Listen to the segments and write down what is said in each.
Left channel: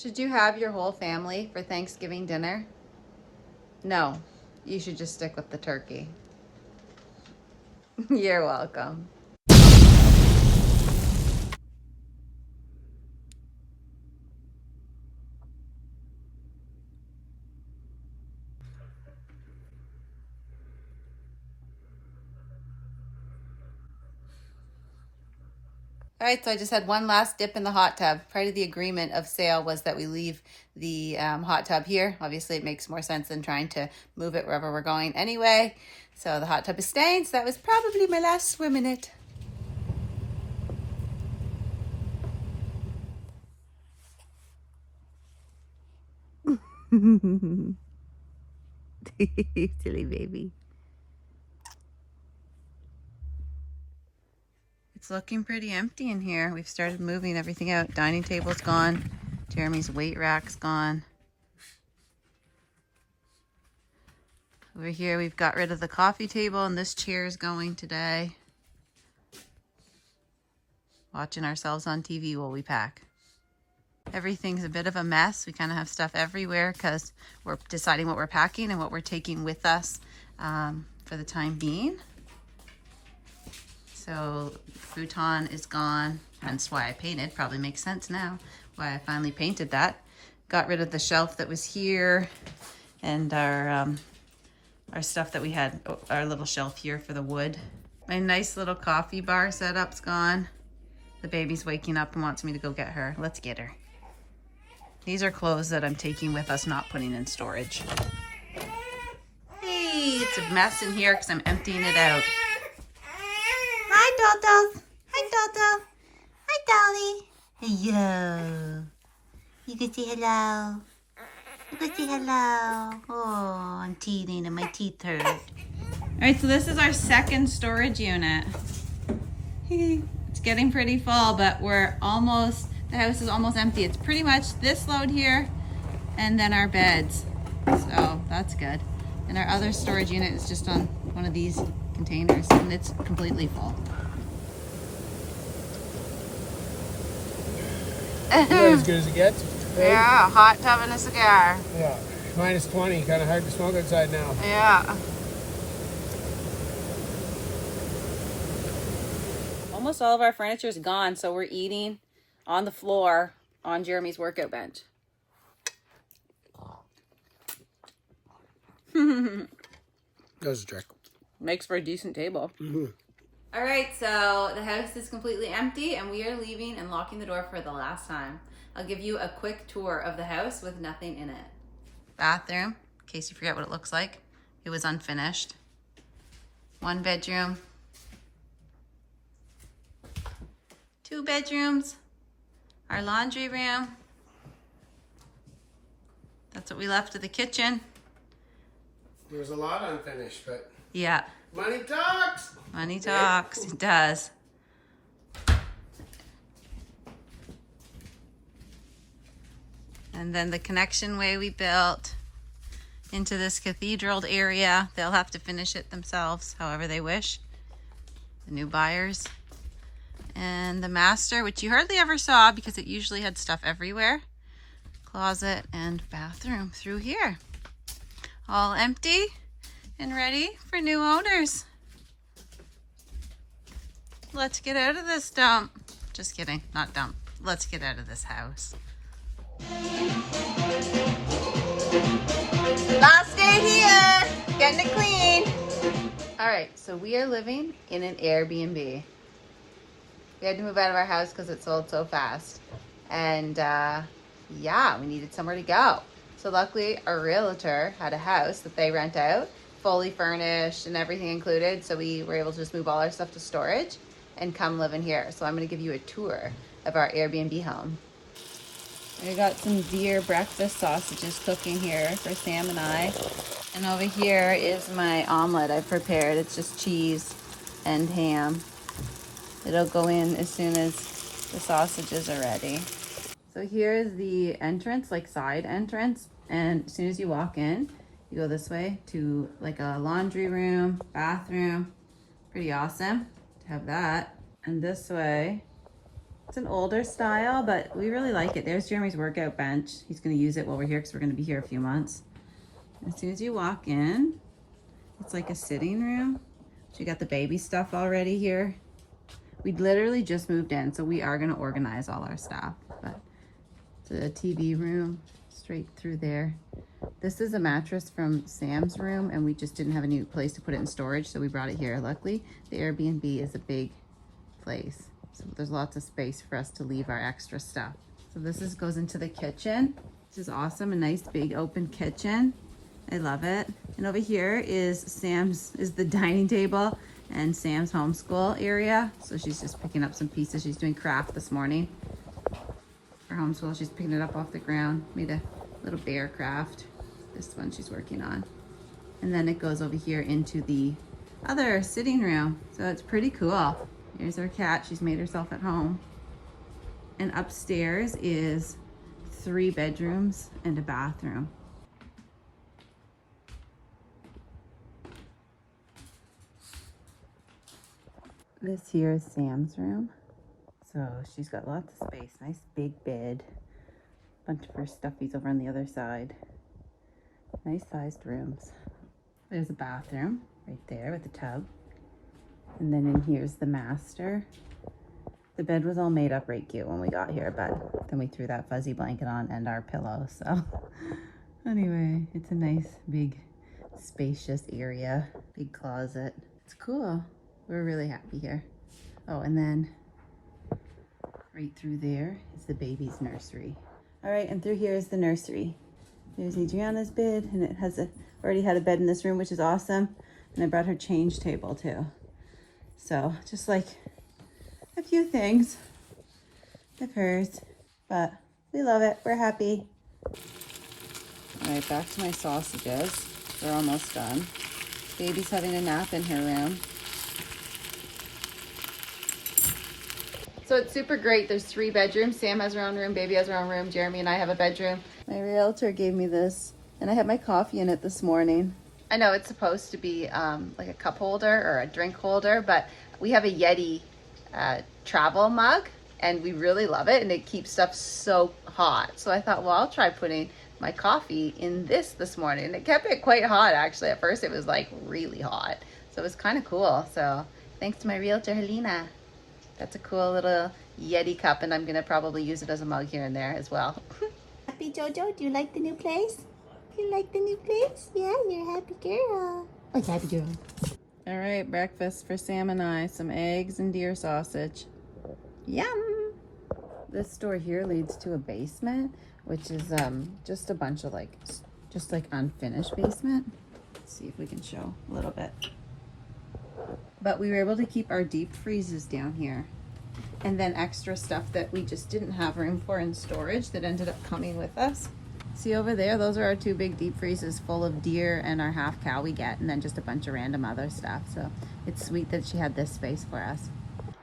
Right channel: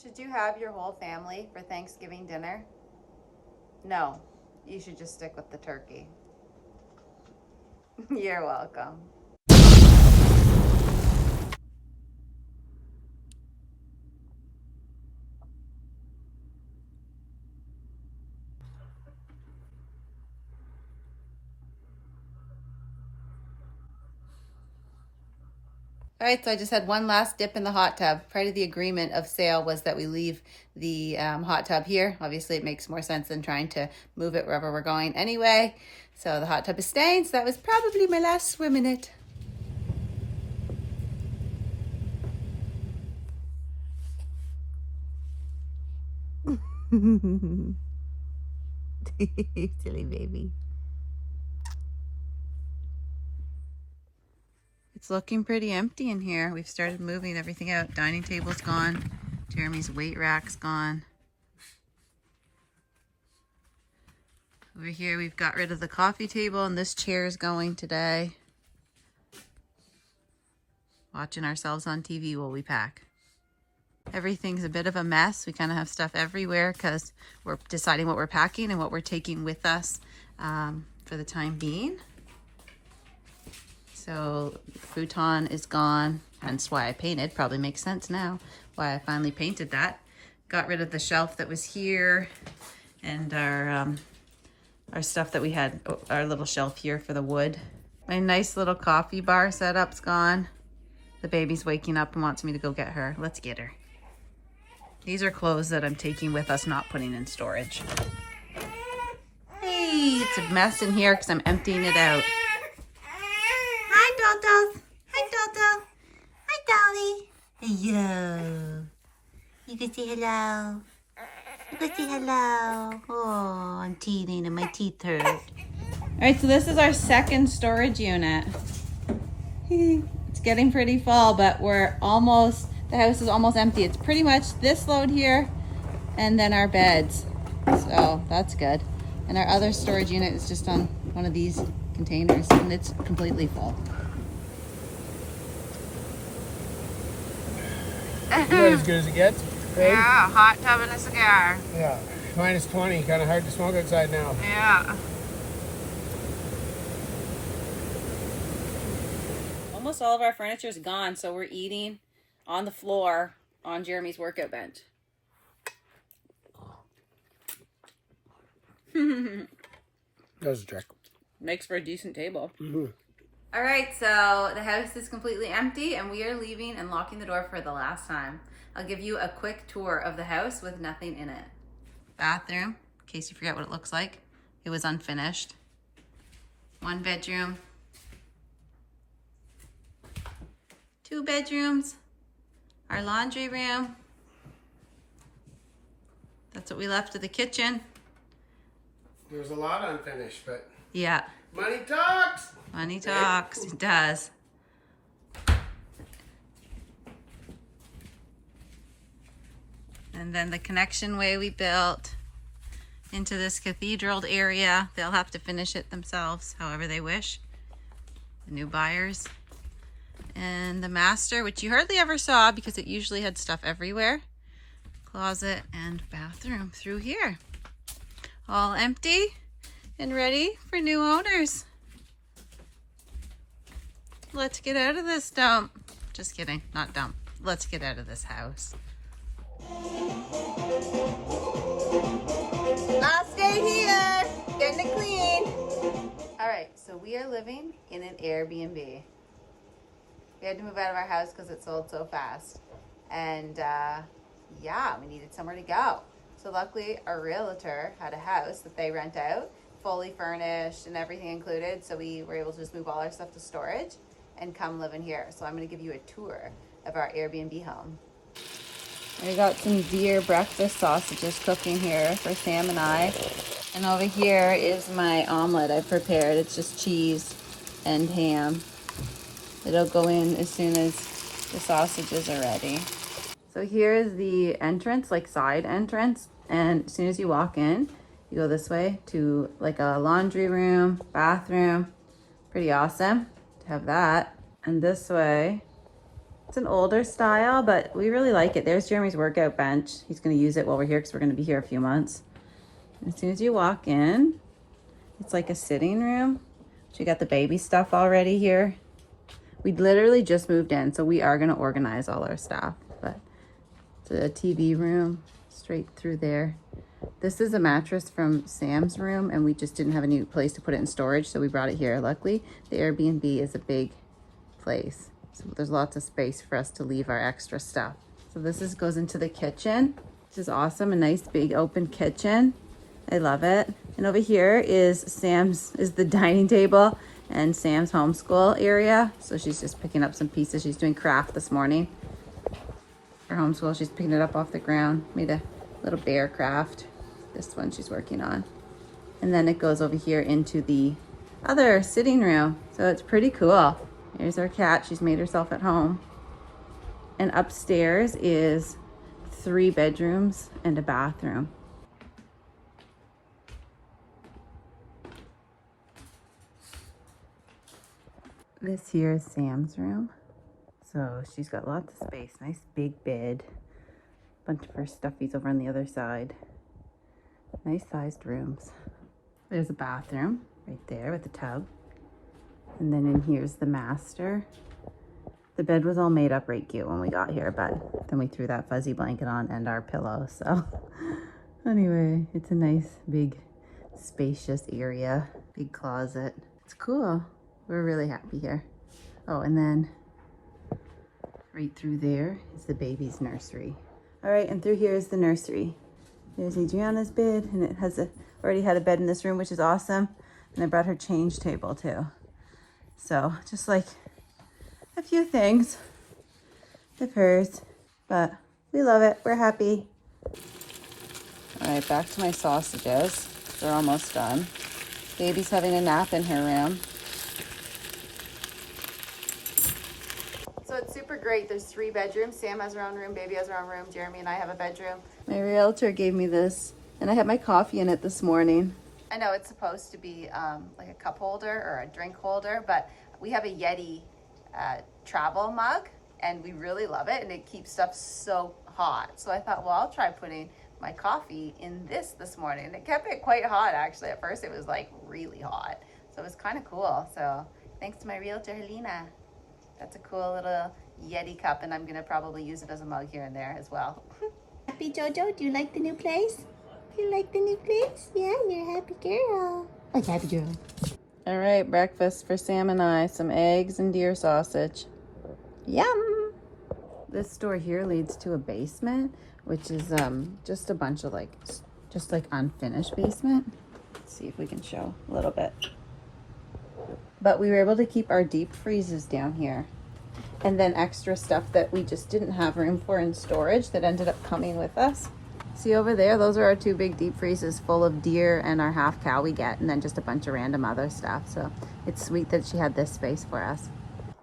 Should you have your whole family for Thanksgiving dinner? No, you should just stick with the turkey. You're welcome. All right, so I just had one last dip in the hot tub. Part of the agreement of sale was that we leave the hot tub here. Obviously, it makes more sense than trying to move it wherever we're going anyway. So the hot tub is staying, so that was probably my last swim in it. Silly baby. It's looking pretty empty in here. We've started moving everything out. Dining table's gone. Jeremy's weight rack's gone. Over here we've got rid of the coffee table and this chair is going today. Watching ourselves on TV while we pack. Everything's a bit of a mess. We kind of have stuff everywhere because we're deciding what we're packing and what we're taking with us for the time being. So futon is gone, hence why I painted. Probably makes sense now why I finally painted that. Got rid of the shelf that was here and our stuff that we had, our little shelf here for the wood. My nice little coffee bar setup's gone. The baby's waking up and wants me to go get her. Let's get her. These are clothes that I'm taking with us, not putting in storage. Hey, it's a mess in here because I'm emptying it out. Hi, Dodo. Hi, Dodo. Hi, Dolly. Hello. You can say hello. You can say hello. Oh, I'm teething and my teeth hurt. All right, so this is our second storage unit. It's getting pretty full, but we're almost, the house is almost empty. It's pretty much this load here and then our beds. So that's good. And our other storage unit is just on one of these containers and it's completely full. Not as good as it gets. Right? Yeah, hot tub and a cigar. Yeah, minus 20, kind of hard to smoke outside now. Yeah. Almost all of our furniture is gone, so we're eating on the floor on Jeremy's workout bench. That was a trick. Makes for a decent table. Mm-hmm. All right, so the house is completely empty and we are leaving and locking the door for the last time. I'll give you a quick tour of the house with nothing in it. Bathroom, in case you forget what it looks like. It was unfinished. One bedroom. 2 bedrooms. Our laundry room. That's what we left of the kitchen. There was a lot unfinished, but Yeah. money talks. Money talks, it does. And then the connection way we built into this cathedral area. They'll have to finish it themselves, however they wish. The new buyers. And the master, which you hardly ever saw because it usually had stuff everywhere. Closet and bathroom through here. All empty and ready for new owners. Let's get out of this dump. Just kidding, not dump. Let's get out of this house. Last day here, getting it clean. All right, so we are living in an Airbnb. We had to move out of our house because it sold so fast. And yeah, we needed somewhere to go. So luckily our realtor had a house that they rent out, fully furnished and everything included. So we were able to just move all our stuff to storage and come live in here. So I'm gonna give you a tour of our Airbnb home. I got some deer breakfast sausages cooking here for Sam and I. And over here is my omelet I prepared. It's just cheese and ham. It'll go in as soon as the sausages are ready. So here is the entrance, like side entrance. And as soon as you walk in, you go this way to like a laundry room, bathroom. Pretty awesome to have that. And this way It's an older style, but we really like it. There's Jeremy's workout bench. He's gonna use it while we're here because we're gonna be here a few months. As soon as you walk in, it's like a sitting room. You got the baby stuff already here. We literally just moved in, so we are gonna organize all our stuff. But it's a TV room straight through there. This is a mattress from Sam's room, and we just didn't have a new place to put it in storage, so we brought it here. Luckily, the Airbnb is a big place, so there's lots of space for us to leave our extra stuff. So this goes into the kitchen. This is awesome, a nice big open kitchen. I love it. And over here is the dining table and Sam's homeschool area. So she's just picking up some pieces. She's doing craft this morning for homeschool. She's picking it up off the ground. Made a little bear craft. This one she's working on. And then it goes over here into the other sitting room. So it's pretty cool. Here's our cat. She's made herself at home. And upstairs is 3 bedrooms and a bathroom. This here is Sam's room. So she's got lots of space. Nice big bed. Bunch of her stuffies over on the other side. Nice sized rooms. There's a bathroom right there with the tub. And then in here's the master. The bed was all made up right cute when we got here, but then we threw that fuzzy blanket on and our pillow. So anyway, it's a nice big spacious area. Big closet. It's cool. We're really happy here. Oh, and then right through there is the baby's nursery. All right, and through here is the nursery. There's Adriana's bed, and it has already had a bed in this room, which is awesome. And I brought her change table too. So just like a few things of hers, but we love it. We're happy. All right, back to my sausages. They're almost done. Baby's having a nap in her room. So it's super great. There's 3 bedrooms. Sam has her own room, baby has her own room, Jeremy and I have a bedroom. My realtor gave me this, and I had my coffee in it this morning. I know it's supposed to be like a cup holder or a drink holder, but we have a Yeti travel mug, and we really love it, and it keeps stuff so hot. So I thought, well, I'll try putting my coffee in this morning, and it kept it quite hot actually. At first it was like really hot, so it was kind of cool. So thanks to my realtor Helena. That's a cool little Yeti cup, and I'm gonna probably use it as a mug here and there as well. Happy Jojo, do you like the new place? You like the new place? Yeah, you're a happy girl. Oh, happy girl. All right, breakfast for Sam and I. Some eggs and deer sausage. Yum! This door here leads to a basement, which is just a bunch of just unfinished basement. Let's see if we can show a little bit. But we were able to keep our deep freezes down here, and then extra stuff that we just didn't have room for in storage that ended up coming with us. See over there, those are our 2 big deep freezes full of deer and our half cow we get, and then just a bunch of random other stuff. So it's sweet that she had this space for us.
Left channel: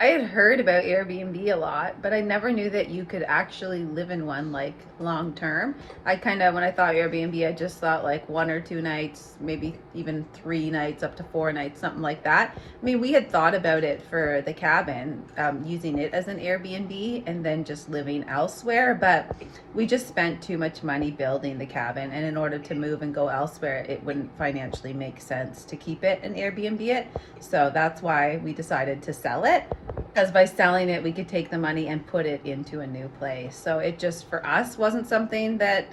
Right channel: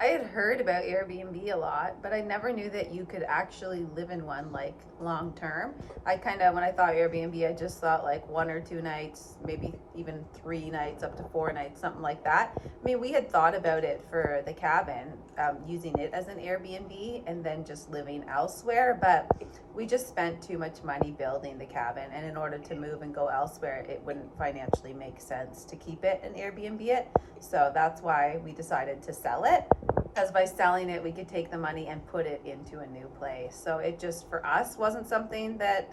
I had heard about Airbnb a lot, but I never knew that you could actually live in one like long term. I kind of, when I thought Airbnb, I just thought like 1 or 2 nights, maybe even 3 nights, up to 4 nights, something like that. I mean, we had thought about it for the cabin, using it as an Airbnb and then just living elsewhere, but we just spent too much money building the cabin, and in order to move and go elsewhere, it wouldn't financially make sense to keep it and Airbnb it. So that's why we decided to sell it, because by selling it, we could take the money and put it into a new place. So it just, for us, wasn't something that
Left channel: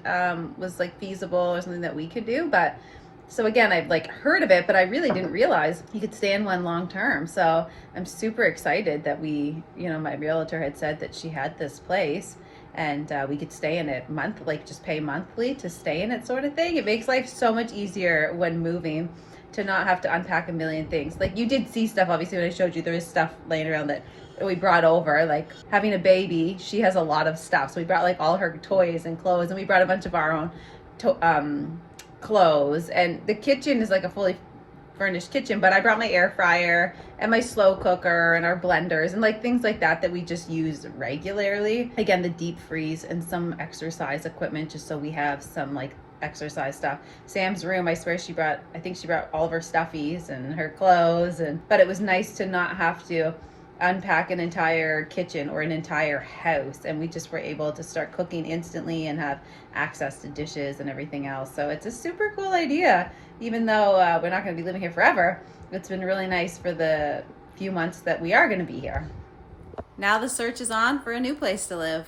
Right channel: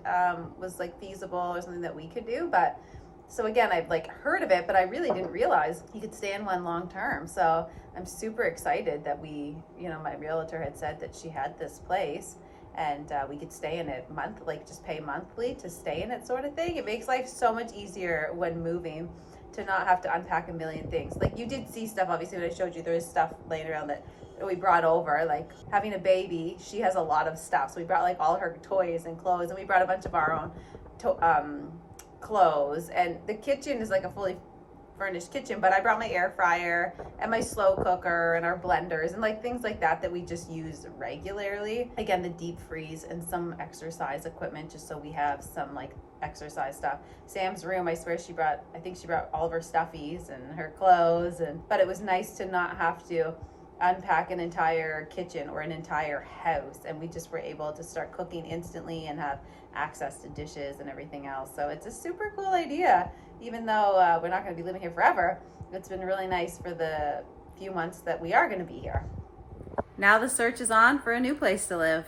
was like feasible or something that we could do. But so again, I've like heard of it, but I really didn't realize you could stay in one long term. So I'm super excited that we, you know, my realtor had said that she had this place, and we could stay in it like just pay monthly to stay in it, sort of thing. It makes life so much easier when moving, to not have to unpack a million things. Like, you did see stuff, obviously, when I showed you, there is stuff laying around that we brought over. Like, having a baby, she has a lot of stuff. So we brought like all her toys and clothes, and we brought a bunch of our own clothes. And the kitchen is like a fully furnished kitchen, but I brought my air fryer and my slow cooker and our blenders and like things like that we just use regularly. Again, the deep freeze and some exercise equipment, just so we have some like exercise stuff. Sam's room, I swear I think she brought all of her stuffies and her clothes, but it was nice to not have to unpack an entire kitchen or an entire house, and we just were able to start cooking instantly and have access to dishes and everything else. So it's a super cool idea. Even though we're not going to be living here forever, it's been really nice for the few months that we are going to be here. Now the search is on for a new place to live.